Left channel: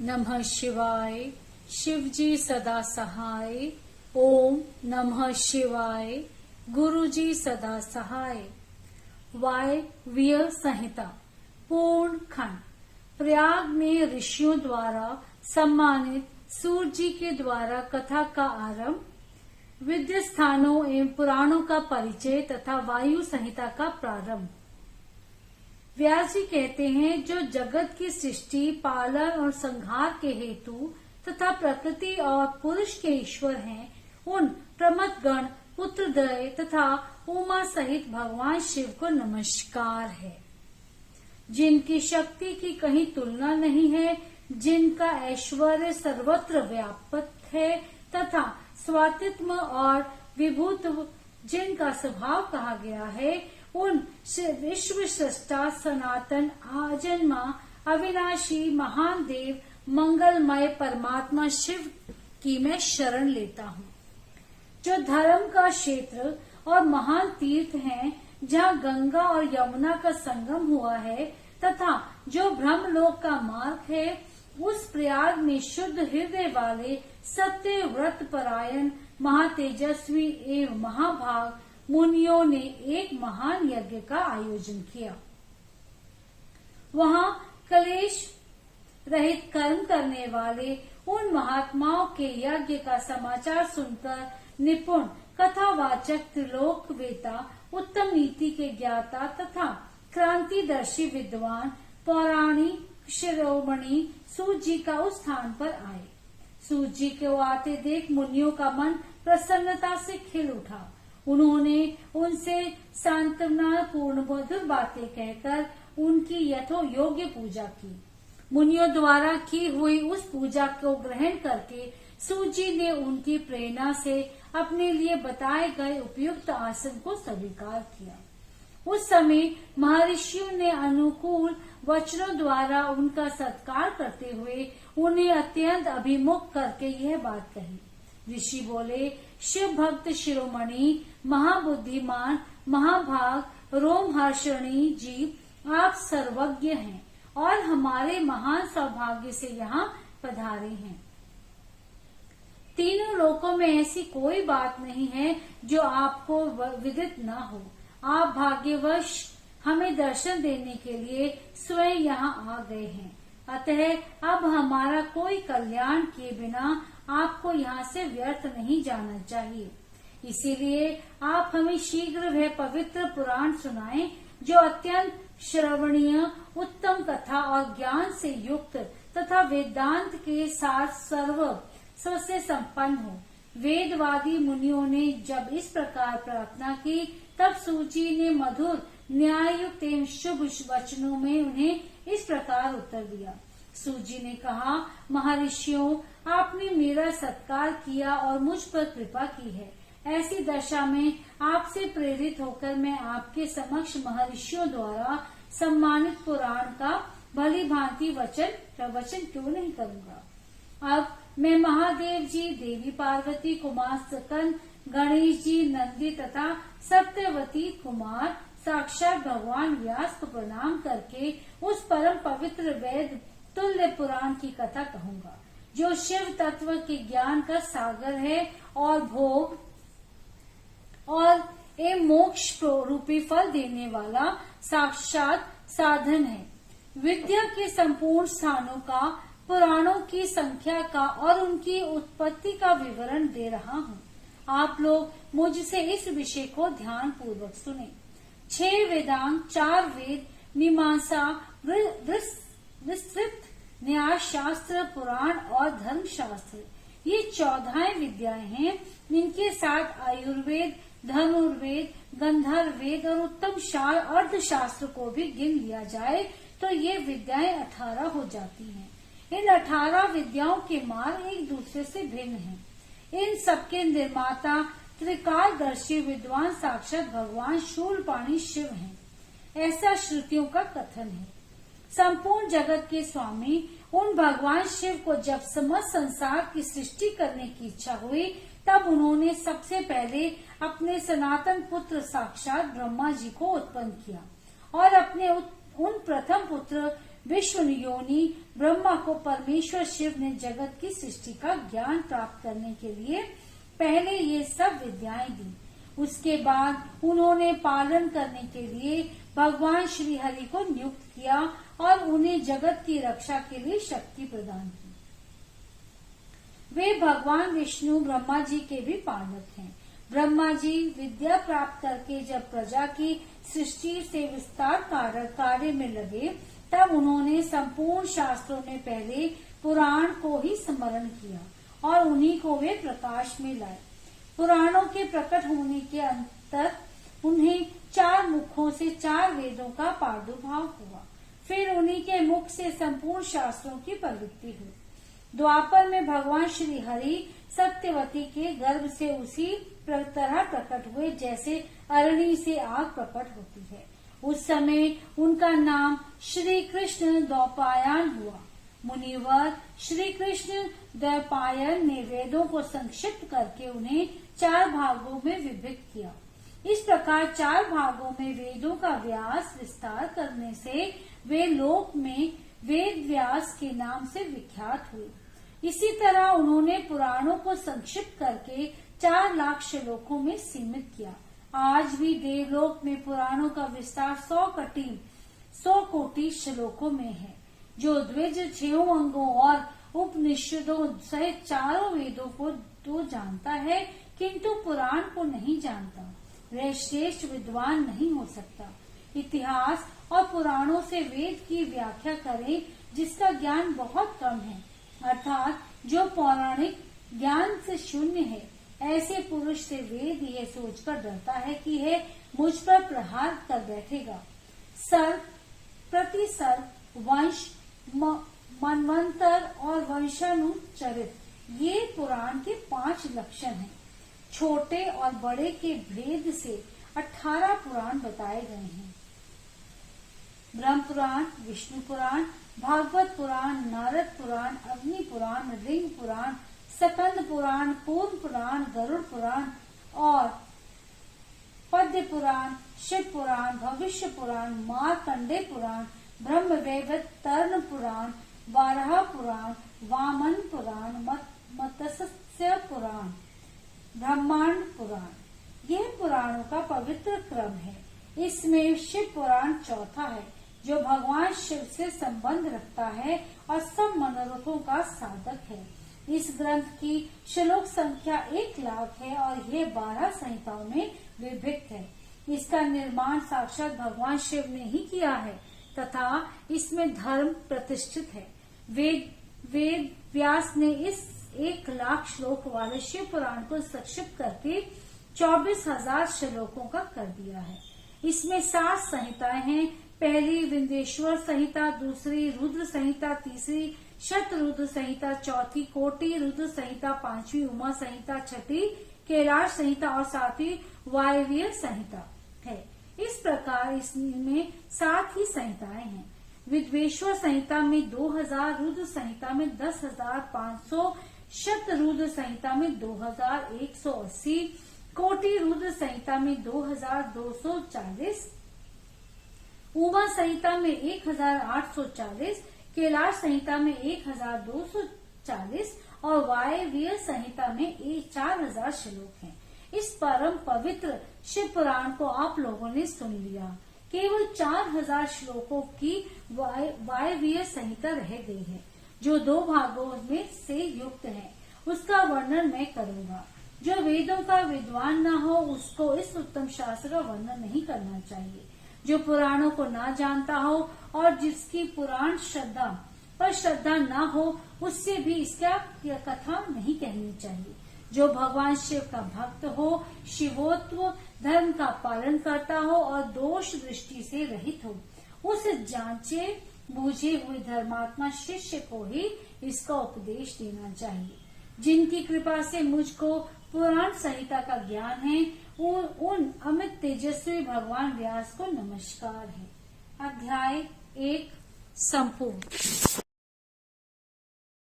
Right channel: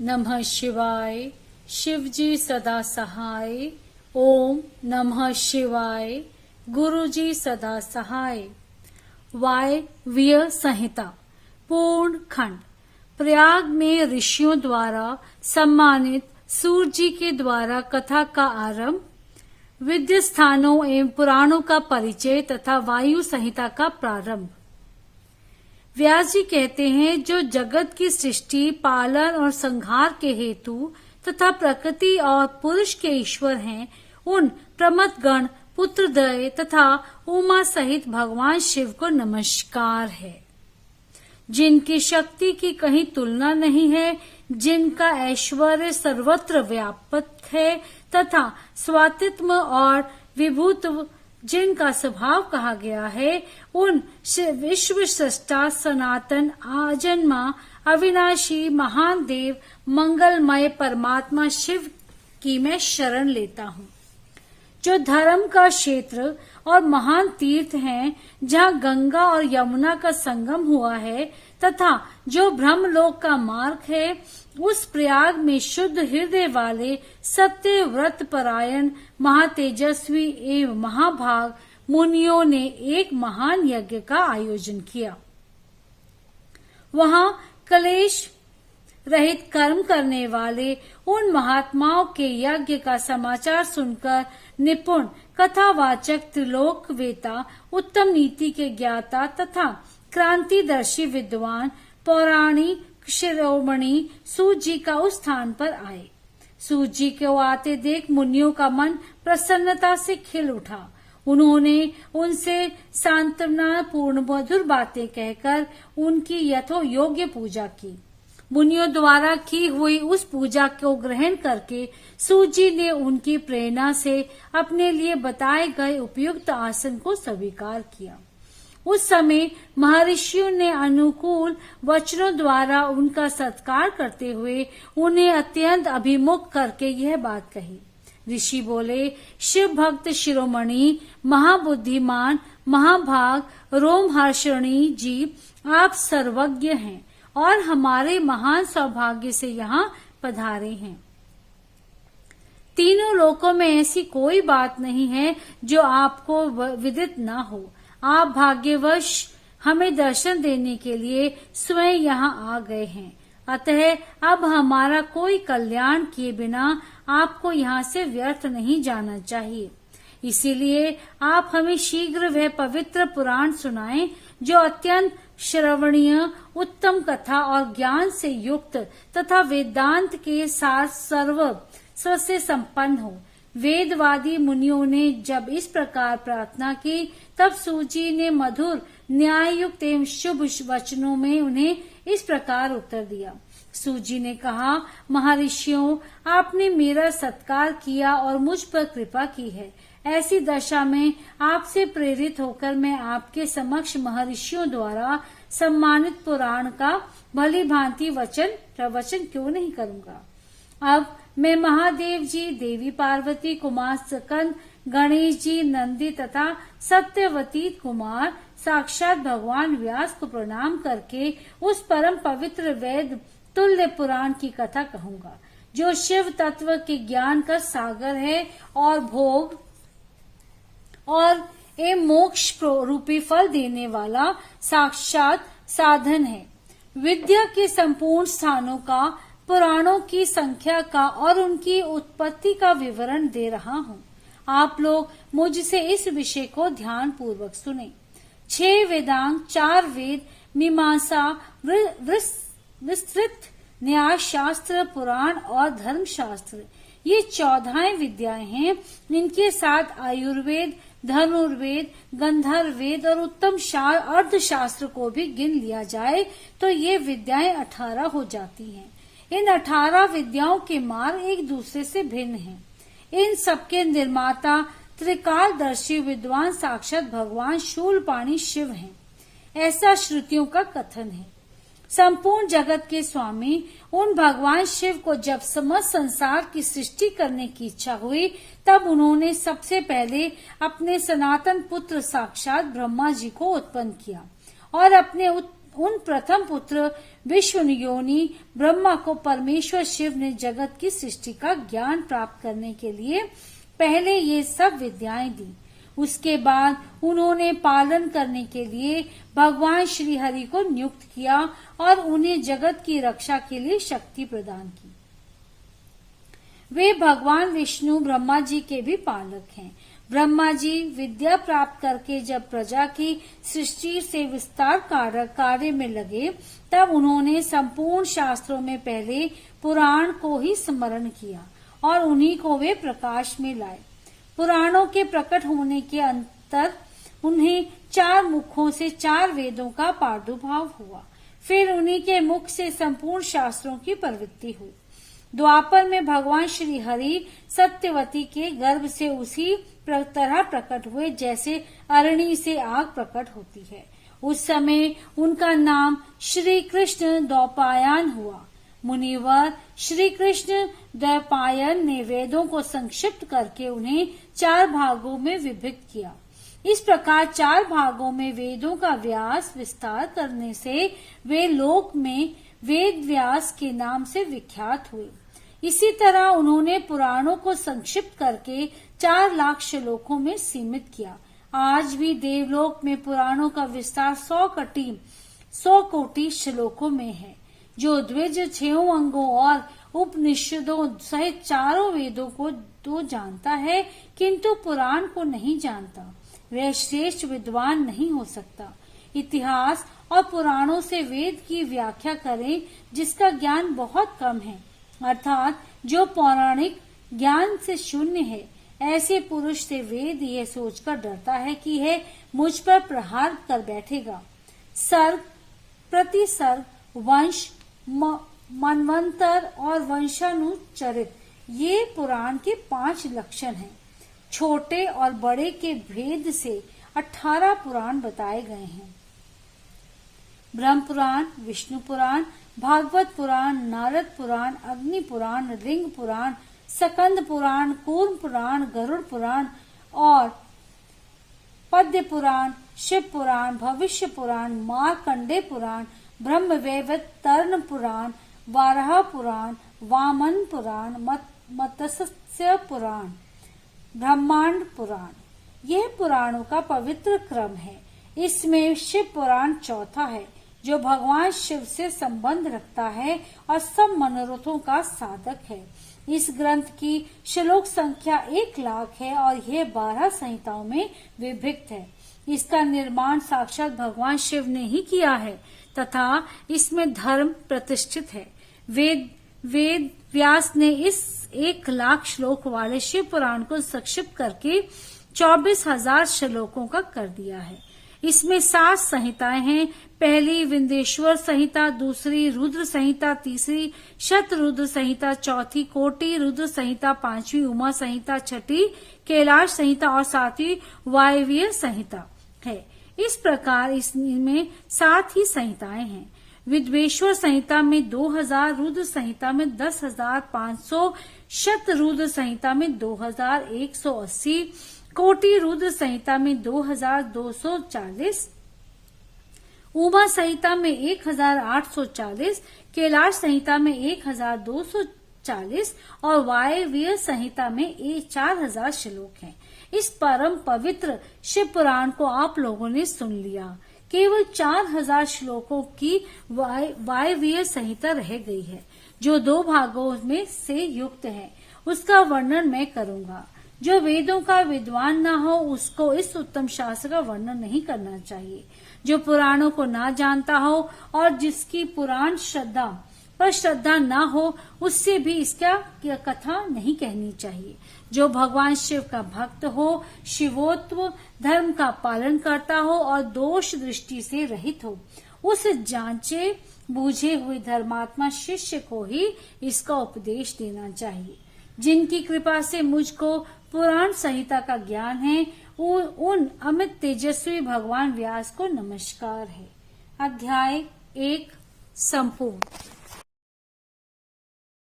नमः शिवाय। शिव जी सदा सहाय। ओम नमः शिवाय। गुरु जी सदा सहाय। वायव्य संहिता पूर्ण खंड। प्रयाग में ऋषियों द्वारा सम्मानित सूर्य जी के द्वारा कथा का आरंभ, विद्य स्थानों एवं पुराणों का परिचय तथा वायु संहिता का प्रारंभ। व्यास जी कहते हैं, जो जगत की सृष्टि, पालन और संहार के हेतु तथा प्रकृति और पुरुष के ईश्वर हैं, उन प्रमथ गण पुत्रद्वय तथा उमा सहित भगवान शिव को नमस्कार है, जिनकी शक्ति की कहीं तुलना नहीं है, जिनका ऐश्वर्य सर्वत्र व्याप्त है तथा स्वातित्व और विभूत्व जिनका स्वभाव कहा गया है, उन विश्व सृष्टा सनातन आजन्मा अविनाशी महान देव मंगलमय परमात्मा शिव की मैं शरण लेता हूँ, जो धर्म का क्षेत्र और महान तीर्थ हैं, जहाँ गंगा और यमुना का संगम हुआ है तथा जो ब्रह्मलोक का मार्ग है, उस प्रयाग में शुद्ध हृदय वाले सत्य व्रत परायण महातेजस्वी एवं महाभाग मुनियों ने एक महान यज्ञ का आयोजन किया। वहां क्लेश रहित कर्म करने वाले उन महात्माओं के यज्ञ का समाचार सुनकर निपुण कथावाचक, त्रिलोकवेता, उत्तम नीति के ज्ञाता तथा क्रांतिदर्शी विद्वान पौराणिक शिरोमणि सूत जी का उस स्थान पर आए। सूत जी को आते देख मुनियों का मन प्रसन्नता से खिल उठा। उन्होंने उनसे सांत्वना पूर्ण मधुर बातें कहकर उनकी यथो योग्य पूजा की। मुनियों द्वारा की हुई उस पूजा को ग्रहण करके सूत जी ने उनकी प्रेरणा से अपने लिए बताए गए उपयुक्त आसन को स्वीकार किया। उस समय महर्षियों ने अनुकूल वचनों द्वारा उनका सत्कार करते हुए उन्हें अत्यंत अभिमुख करके यह बात कही। ऋषि बोले, शिव भक्त शिरोमणि महाबुद्धिमान महाभाग रोमहर्षणी जी, आप सर्वज्ञ हैं और हमारे महान सौभाग्य से यहाँ पधारे हैं। तीनों लोकों में ऐसी कोई बात नहीं है जो आपको विदित न हो। आप भाग्यवश हमें दर्शन देने के लिए स्वयं यहाँ आ गए हैं, अतः अब हमारा कोई कल्याण किए बिना आपको यहाँ से व्यर्थ नहीं जाना चाहिए। इसीलिए आप हमें शीघ्र वह पवित्र पुराण सुनाएं, जो अत्यंत श्रवणीय, उत्तम कथा और ज्ञान से युक्त तथा वेदांत के साथ स्व से संपन्न हो। वेदवादी मुनियों ने जब इस प्रकार प्रार्थना की, तब सूची ने मधुर न्याययुक्त एवं शुभ वचनों में उन्हें इस प्रकार उत्तर दिया। सूजी ने कहा, महर्षियों, आपने मेरा सत्कार किया और मुझ पर कृपा की है। ऐसी दशा में आपसे प्रेरित होकर मैं आपके समक्ष महर्षियों द्वारा सम्मानित पुराण का भली भांति प्रवचन क्यों नहीं करूंगा। अब मैं महादेव जी, देवी पार्वती, कुमार स्कंद, गणेश जी, नंदी तथा सत्यवती कुमार साक्षात भगवान व्यास को प्रणाम करके उस परम पवित्र वेद तुल्य पुराण की कथा कहूंगा, जो शिव तत्व के ज्ञान का सागर है और भोग और मोक्ष रूपी फल देने वाला साक्षात साधन है। विद्या के संपूर्ण स्थानों का, पुराणों की संख्या का और उनकी उत्पत्ति का विवरण दे रहा हूँ। आप लोग मुझसे इस विषय को ध्यान पूर्वक सुने। 6 वेदांग, 4 वेद, मीमांसा, विस्तृत न्याय शास्त्र, पुराण और धर्म शास्त्र, ये 14 विद्याएं हैं। इनके साथ आयुर्वेद, धनुर्वेद, गंधर्व वेद और उत्तम अर्थशास्त्र को भी गिन लिया जाए तो ये विद्याएं 18 हो जाती हैं। इन 18 विद्याओं के मार्ग एक दूसरे से भिन्न हैं। इन सबके निर्माता त्रिकालदर्शी विद्वान साक्षात भगवान शूलपाणी शिव हैं, ऐसा श्रुतियों का कथन है। संपूर्ण जगत के स्वामी उन भगवान शिव को जब समस्त संसार की सृष्टि करने की इच्छा हुई, तब उन्होंने सबसे पहले अपने सनातन पुत्र साक्षात ब्रह्मा जी को उत्पन्न किया और अपने उन प्रथम पुत्र विश्व योनि ब्रह्मा को परमेश्वर शिव ने जगत की सृष्टि का ज्ञान प्राप्त करने के लिए पहले ये सब विद्याएं दी। उसके बाद उन्होंने पालन करने के लिए भगवान श्री हरि को नियुक्त किया और उन्हें जगत की रक्षा के लिए शक्ति प्रदान की। वे भगवान विष्णु ब्रह्मा जी के भी पालक हैं। ब्रह्मा जी विद्या प्राप्त करके जब प्रजा की सृष्टि से विस्तार कार्य में लगे, तब उन्होंने संपूर्ण शास्त्रों में पहले पुराण को ही स्मरण किया और उन्हीं को वे प्रकाश में लाए। पुराणों के प्रकट होने के अंतर उन्हें 4 मुखों से 4 वेदों का प्रादुर्भाव हुआ। फिर उन्हीं के मुख से संपूर्ण शास्त्रों की प्रवृत्ति हुई। द्वापर में भगवान श्री हरि सत्यवती के गर्भ से उसी तरह प्रकट हुए जैसे अरणी से आग प्रकट होती है। उस समय उनका नाम श्री कृष्ण द्वैपायन हुआ। मुनिवर श्री कृष्ण द्वैपायन ने वेदों को संक्षिप्त करके उन्हें 4 भागों में विभक्त किया। इस प्रकार 4 भागों में वेदों का व्यास विस्तार करने से वे लोक में वेद व्यास के नाम से विख्यात हुए। इसी तरह उन्होंने पुराणों को संक्षिप्त करके 4 लाख श्लोकों में सीमित किया। आज भी देवलोक में पुराणों का विस्तार 100 कोटि श्लोकों में है, जो द्विज 6 अंगों और उपनिषदों सहित 4 वेदों को तो जानता है, किंतु पुराण को नहीं जानता, वह श्रेष्ठ विद्वान नहीं हो सकता। इतिहास और पुराणों से वेद की व्याख्या करें जिसका ज्ञान बहुत कम है, अर्थात जो पौराणिक ज्ञान से शून्य है, ऐसे पुरुष से वेद यह सोचकर डरता है कि यह मुझ पर प्रहार कर बैठेगा। सर्ग, प्रतिसर्ग, वंश, मनवंतर और वंशानुचरित ये पुराण के 5 लक्षण हैं। छोटे और बड़े के भेद से 18 पुराण बताए गए हैं। ब्रह्म पुराण, विष्णु पुराण, भागवत पुराण, नारद पुराण, अग्नि पुराण, लिंग पुराण, सकंद पुराण, कूर्म पुराण, गरुड़ पुराण और पद्य पुराण, शिव पुराण, भविष्य पुराण, मार्कंडे पुराण, ब्रह्मवैवर्तन पुराण, वाराह पुराण, वामन पुराण, मत्स्य पुराण, ब्रह्मांड पुराण, यह पुराणों का पवित्र क्रम है। इसमें शिव पुराण चौथा है, जो भगवान शिव से संबंध रखता है और सब मनोरथों का साधक है। इस ग्रंथ की श्लोक संख्या 1 लाख है और यह 12 संहिताओं में विभक्त है। इसका निर्माण साक्षात भगवान शिव ने ही किया है तथा इसमें धर्म प्रतिष्ठित है। वेद व्यास ने इस 1 लाख श्लोक वाले शिव पुराण को संक्षिप्त करके 24,000 श्लोकों का कर दिया है। इसमें 7 संहिताएं हैं। पहली विंध्येश्वर संहिता, दूसरी रुद्र संहिता, तीसरी शतरुद्र संहिता, चौथी कोटि रुद्र संहिता, 5वीं उमा संहिता, 6ठी कैलाश संहिता और 7वीं वायव्य संहिता है। इस प्रकार इसमें 7 ही संहिताएं हैं। विद्वेश्वर संहिता में 2000, रुद्र संहिता में 10,500, शतरुद्र संहिता में 2180, कोटि रुद्र संहिता में 2240, उमा संहिता में 1840, कैलाश संहिता में 1240 और वायव्य संहिता में 4000 श्लोक हैं। इस परम पवित्र शिव पुराण को आप लोगों ने सुन लिया। केवल 4000 श्लोकों की वायव्य संहिता रह गई है, जो 2 भागों में से युक्त है। उसका वर्णन मैं करूंगा। जो वेदों का विद्वान न हो उसको इस उत्तम शास्त्र का वर्णन नहीं करना चाहिए। जो पुराणों को ना जानता हो और जिसकी पुराण श्रद्धा पर श्रद्धा न हो, उससे भी इसका कथा नहीं कहनी चाहिए। जो भगवान शिव का भक्त हो, शिवोत्व धर्म का पालन करता हो और दोष दृष्टि से रहित हो, उस जांचे बूझे हुए धर्मात्मा शिष्य को ही इसका उपदेश देना चाहिए। जिनकी कृपा से मुझको पुराण संहिता का ज्ञान है, उन अमित तेजस्वी भगवान व्यास को नमस्कार है। अध्याय 1 संपूर्ण।